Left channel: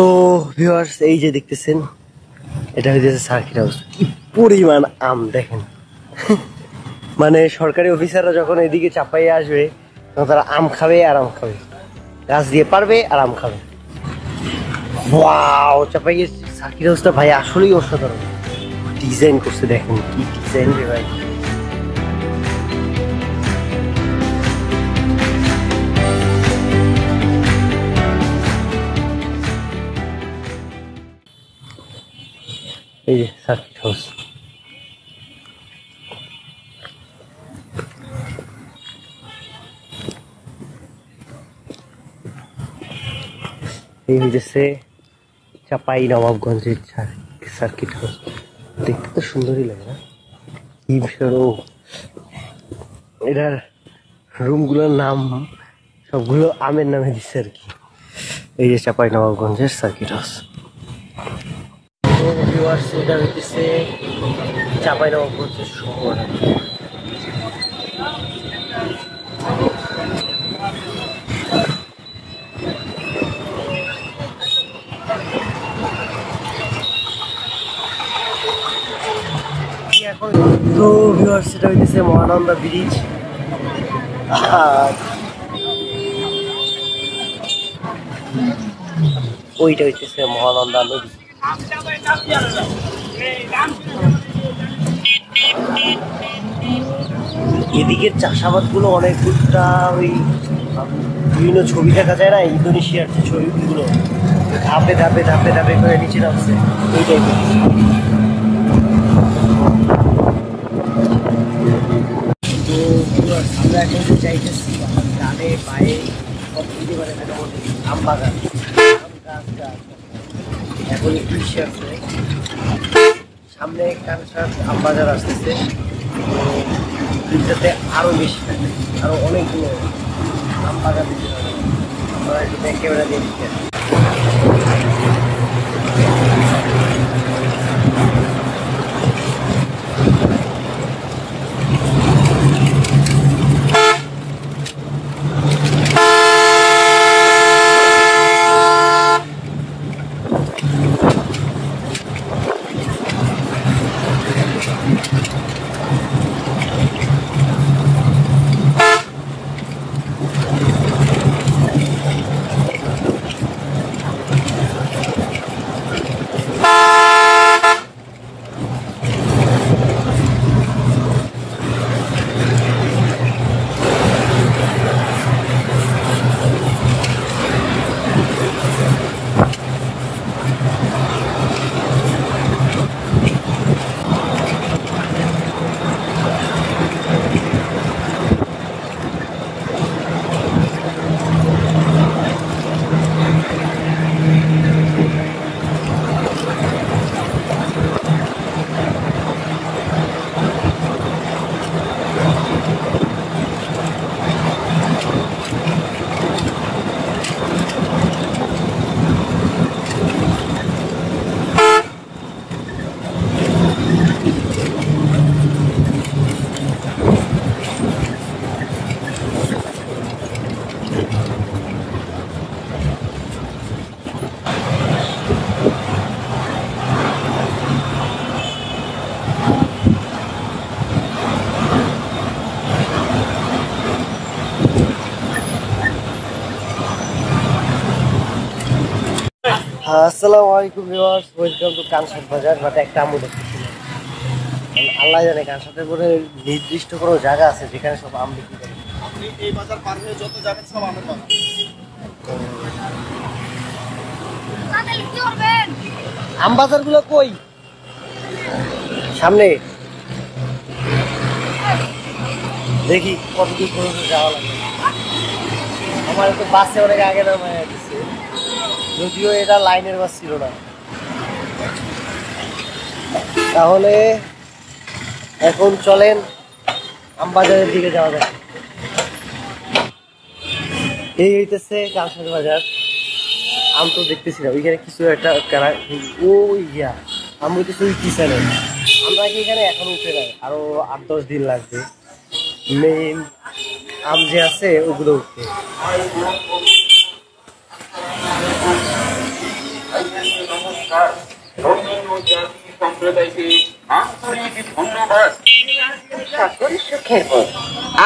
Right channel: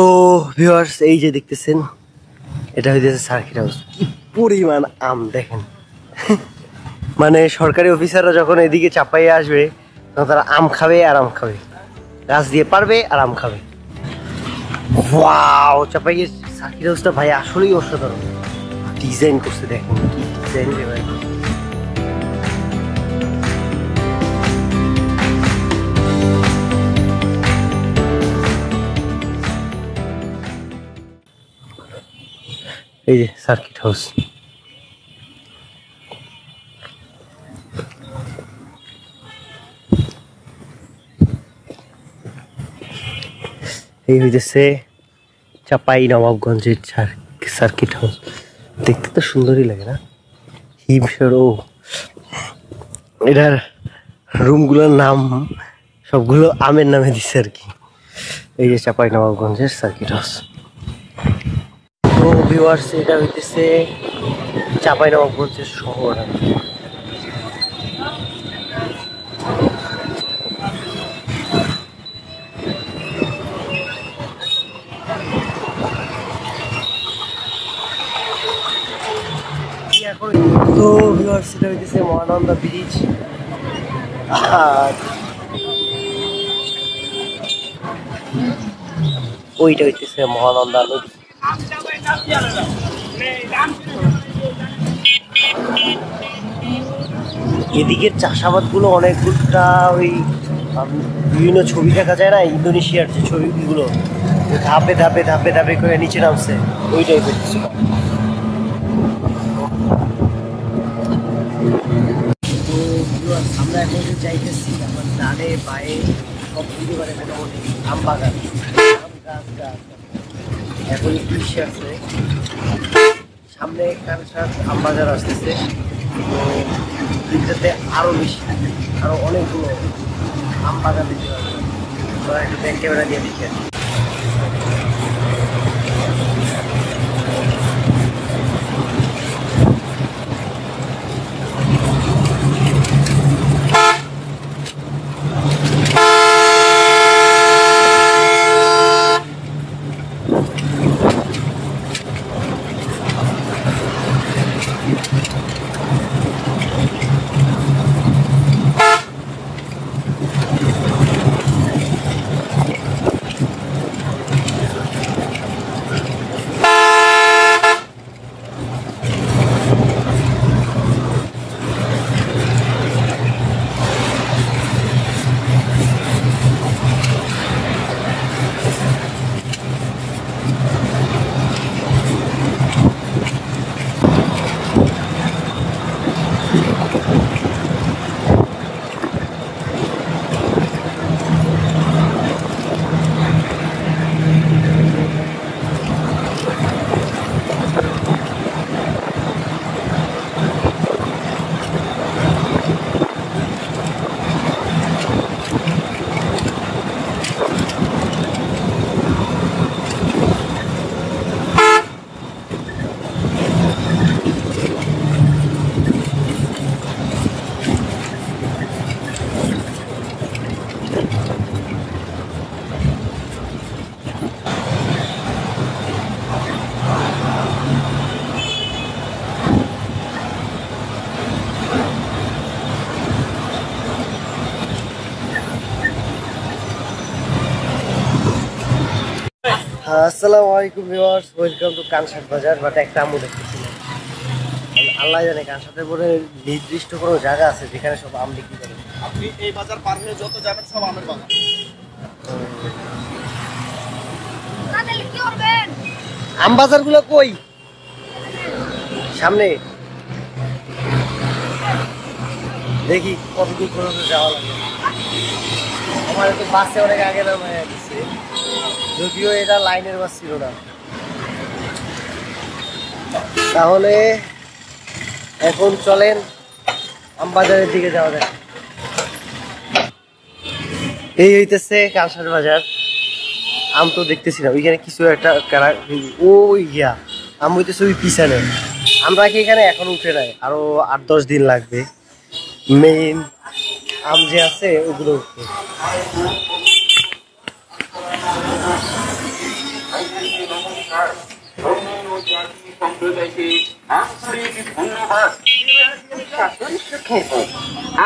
তো ভিউয়ার্স এই যে দেখতেছেন এটা হচ্ছে সার্কিট হাউস। কি পরিমাণ আম দেখেন। মানে সরকারি অফিসাররা যখন এদিকে চাপাইয়ে আসবে তখন তারা আম খাবে আর আম খাবে, গাছ দিয়ে পারবে আর আম খাবে। ওয়াও, চাপাইয়ে সার্কিট হাউসটা ভাই আসলেই অসাধারণ ডিজাইন করছে। দেখেন কি ডিজাইন রে ভাই। এই যে সার্কিট হাউস। এই হইতেছে চাপাই নবাবগঞ্জের সার্কিট হাউস। দেখতে তো সুন্দরই লাগে না? হিমসরো এটার রুমগুলোর নাম সবগুলো আমের নামে দিচ্ছে আর কি। এই যে চাপাই নবাবগঞ্জের সার্কিট হাউস। তো ভিউয়ার্স এটা হইতেছে চাপাই নবাবগঞ্জের শহর। তো ভিউয়ার্স এটা হইতেছে মহানন্দা ব্রিজ। আর ওইটা হইতেছে মহানন্দা নদী। এদিকের চাষাবাদ গুলো অনেকটা ওই বিভিন্ন ছবি দেখা যায় না, ইন্দোনেশিয়ার যে ছবিগুলো ধাপে ধাপে ধাপে ধাপে করে নিচে নামছে, ওইটাই দেখছি। তো আমরা এখন যে চাইতেছি আমার ডানে বায়ে সব দিকে মানে মোটামুটি আম বাগান, আম গাছ গাছ। এখন একটু ইসে আছে, সামনে কানসার আম বাজার আসতেছে। তো দিকটাতে আরো বেশি, আরো অনেকগুলো আম বাগান দিতে হবে। আমরা একটু ব্যাক ক্যামেরা দিয়ে দেখি। আসসালামু আলাইকুম ভিউয়ার্স, ওয়েলকাম টু কানসাট বাজার। বাট একটা আমু দেখতেছিলাম, আল্লাহ জানে কানসাটের পরে নির্দিষ্ট কোনো জায়গা আছে যেখানে সব আম বিক্রি করে। আপনি এই বাজার পার হয়ে যত যাবেন সব আমের বাগান। আম বাজার গুলো কই? সামনে দেখি কত দূর পর্যন্ত যাওয়া লাগে। আমার তো বাসে অনেক আগে নামায় দিচ্ছে, যদিও এটা লাইনের বাস ছিল না। তাহলে এখন চলেন আমবাজারের দিকে যাওয়া যায়। এই হইতেছে কানসাট বাজার। আম তো দেখতেছি না, ওইখানে কিছু একটা ওই গিয়া আম হইতেছে ওই পিছনে। আমরা কি এখানে এখন উঠে নাই, আরো 8-10 দিন লাগবে মেইন আম যে আছে ওগুলো উঠতে।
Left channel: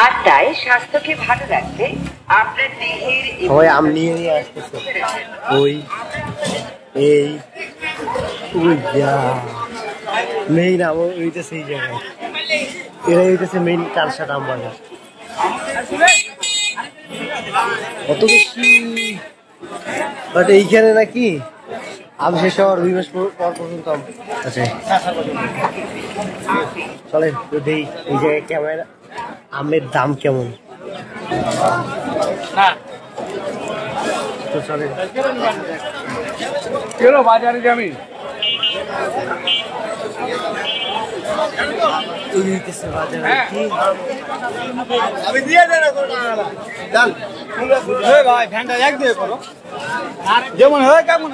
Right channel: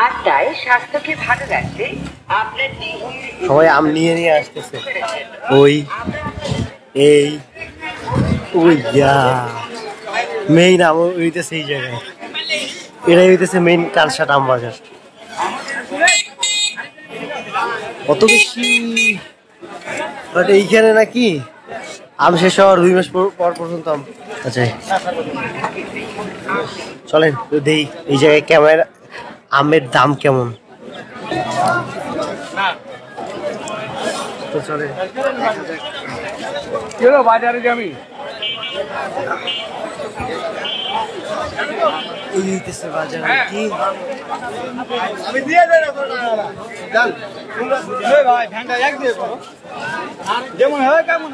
আর তাই স্বাস্থ্যকে ভালো রাখতে আপনার দেহের সবাই আম নিয়ে নিয়ে আসতেছে। ওই এই ওই মেইন আম হইতেছে এই জায়গায়, এটাই হইতেছে মেইন কালসাট আম বাজার। অত বেশি বাট এইখানে নাকি আম শেষ হওয়ার 2 মাস পর পর্যন্ত আম আছে। চলেন দেই এই জায়গায় ক্যামেরা আমের দাম কেমন। তো চলেন বাজারে যাবি আমি দিয়ে ভাই ভ্যানটা এক দিয়ে যেমন হয় কেমন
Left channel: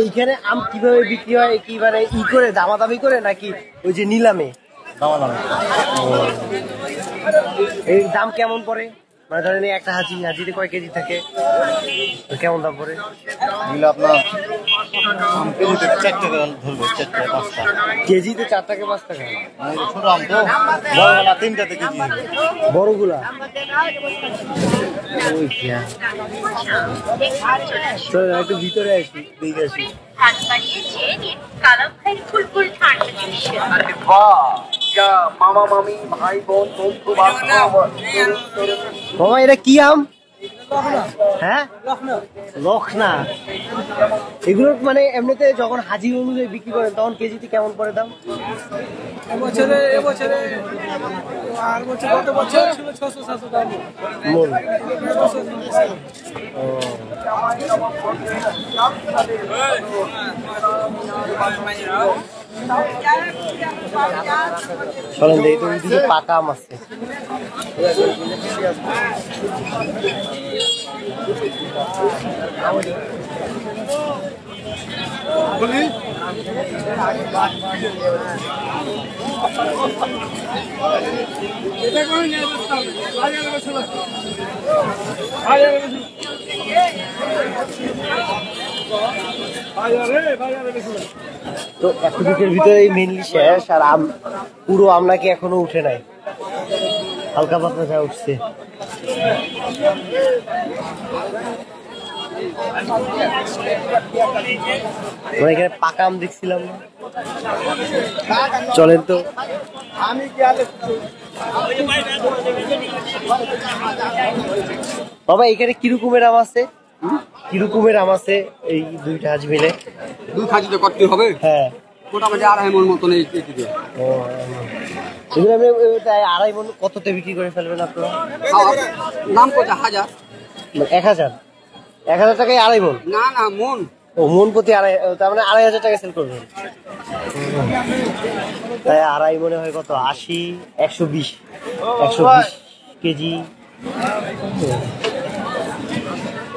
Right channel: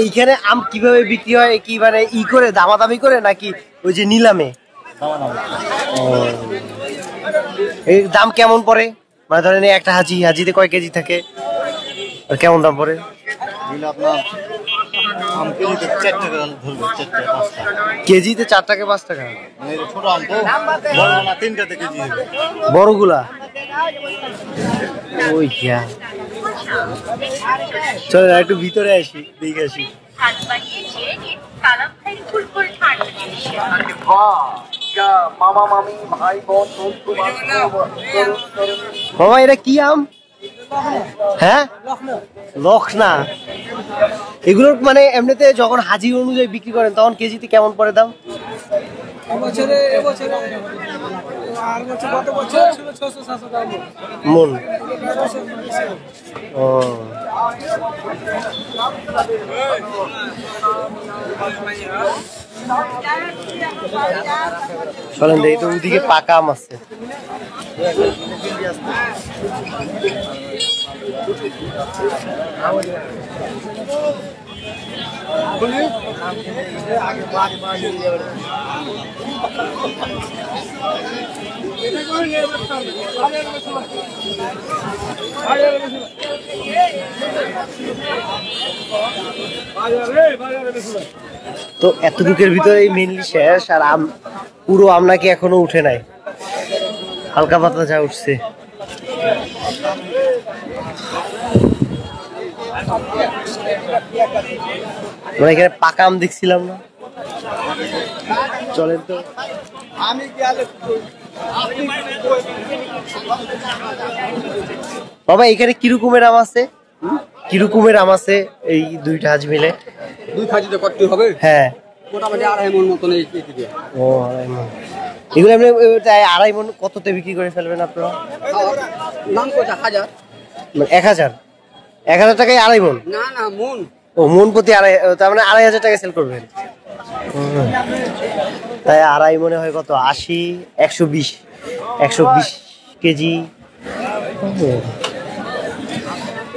এইখানে আম কিভাবে বিক্রি হয়, কি মানে ই করে দামাদামি করে নাকি ওই যে নিলামে? এই দাম কেমন পড়ে? মানে ধরেন একটা হাজিতে কয় কেজি থাকে, কেমন দাম পড়ে? আপনার আম কেজিতে 4 টাকা ধরবে, 4 টাকা 5 টাকা কেজিতে 4 টাকা 5 টাকা। ছোট আম তো বড়গুলা 3 টাকা কেজি হবে। বড়গুলা ওই চল একটু ভিতরে আসি, দেখে আসি। মামা মামি ভাই বোন বন্ধু বান্ধব। বাবা এটা কি আম? হ্যাঁ লখনা। এগুলোর মানে এমনিতে যখন হাজির অনুযায়ী বিক্রি করেন তখন কেজিতে কেমন পড়ে দাম? এবছরে আর বছর গত বছর ছিল 600-700 টাকা মন। ও চলেন দেখি তো ওদিকে পাকা আম আছে। তো এতটুকের ভিতরে মেনলি শেষ, আর আম পুরো আম নাকি এখনো উঠে নাই, হালকা পাতলা যা উঠছে। মানে এখানে পাকা আম দেখছিলাম না। চলেন তো বাবা এখানে কিরকমের আম আছে? কিরকমের আম আছে এই দুইটা হাজ মিলে? 2 খাজিতে করতে হবে। হ্যাঁ মোটামুটি 2.5 মণ মতন এই কেজি। ও এগুলো এমনি 2.5 মণ কততে বিক্রি করে ফেলবেন আপনারা? নাম কোটা 1000। 1000 টাকায় 2.5 মণ? না না মণ। ও মণ প্রতি 2.5, তার মানে 2.500 টাকা সেল করবেন। তাই 2.5 মণে হয় কত? 80, 120 কেজি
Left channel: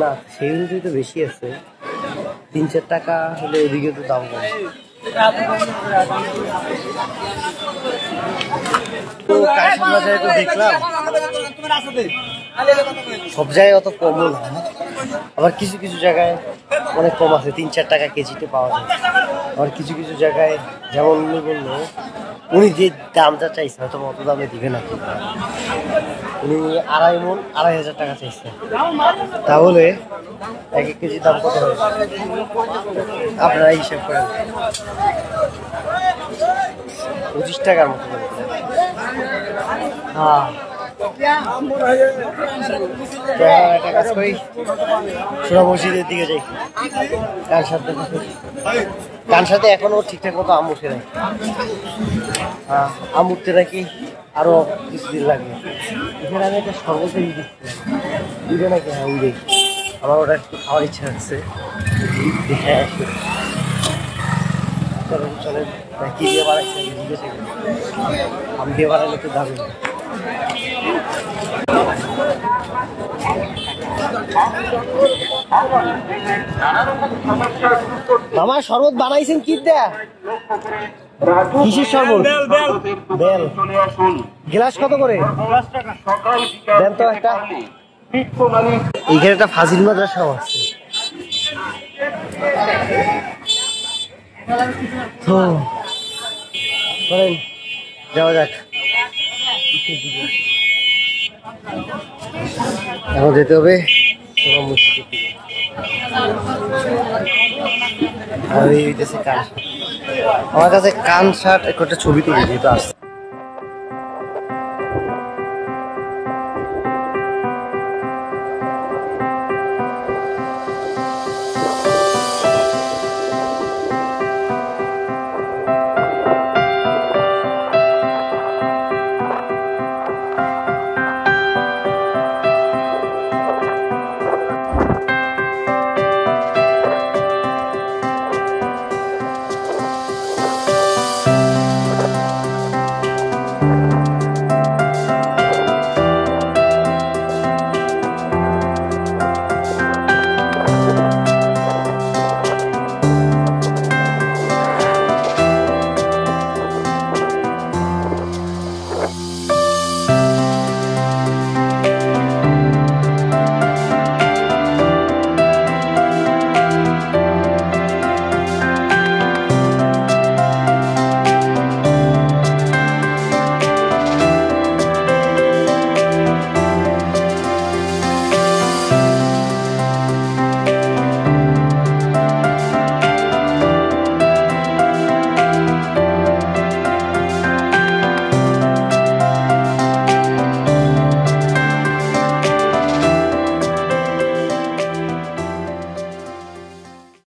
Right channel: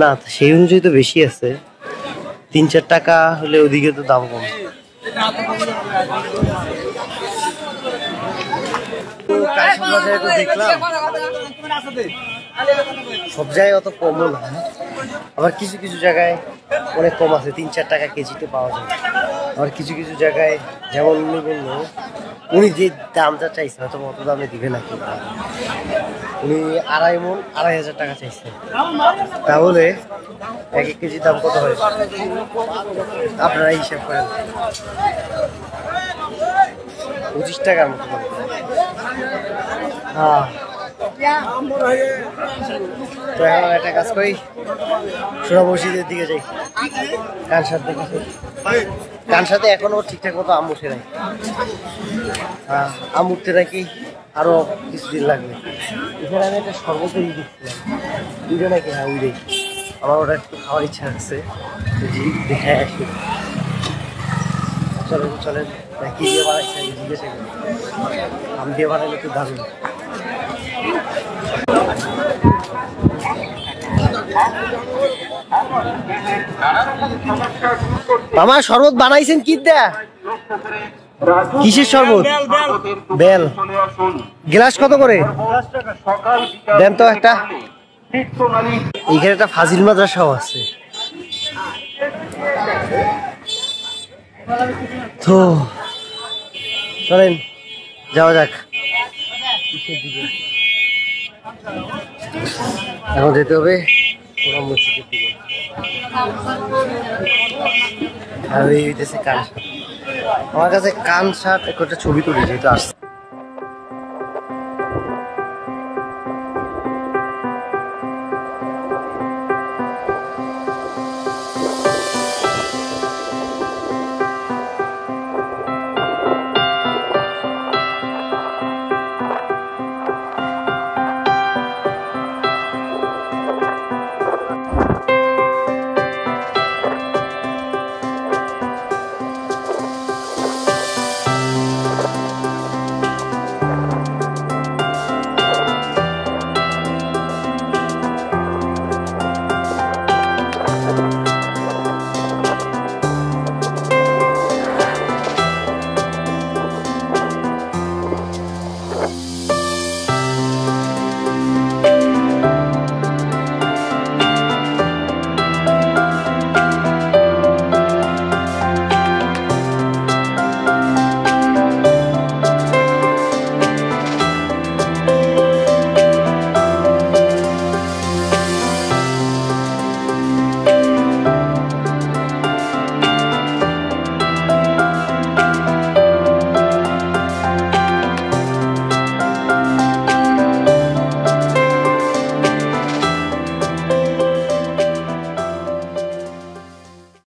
না, সেই অনুযায়ী তো বেশি আছে। 3-4 টাকা হলে ওদিকে তো দাম কম। বাজারে তো দেখলাম সব জায়গায় অত কমও না, আবার কিছু কিছু জায়গায় অনেক কম আছে, 3-4 টাকা কেজিতে পাওয়া যায়। আবার কিছু কিছু জায়গায় যেমন উনি বললো, উনি যে দামটা চাইছে হয়তো অত দামে দিবে না কেউ, উনি 2.5 মণ 2.500 টাকা চাইছেন। তাহলে 1 কেজি দাম কত হয় আপনারা হিসাব করেন? 25 টাকার মতো। হ্যাঁ তো এখন একটা কাজ করি, সোনা মসজিদের দিকে যাই। কানসাতে এখনো ঠিকঠাক মতো আম উঠে নাই। হ্যাঁ আম উঠতে নাকি আরো কিছুদিন লাগবে। এখানে আমি একটা শরবতের দেখছিলাম, ওইটা নাকি, হ্যাঁ ওই আমার ওটা একটু খাওয়ার ইচ্ছা আছে, দেখে আসি। চলেন কি দিয়ে বানাইছে জিজ্ঞেস আম দিয়ে বানাইলে তো দারুণ। মামা শরবত বানাইছেন কি দেয়া? কিসের শরবত? বেল। গ্লাস কত করে দেন তো একটা? এইখানে একটা ফাজিল মাদ্রাসাও আছে। তো চলেন যাওয়া যাক। এখন যেতে হবে মসজিদের দিকে। আর এই হইতেছে কান, আমার কাছে কান শার্ট একটা ছবি তুলি যেহেতু আসছে।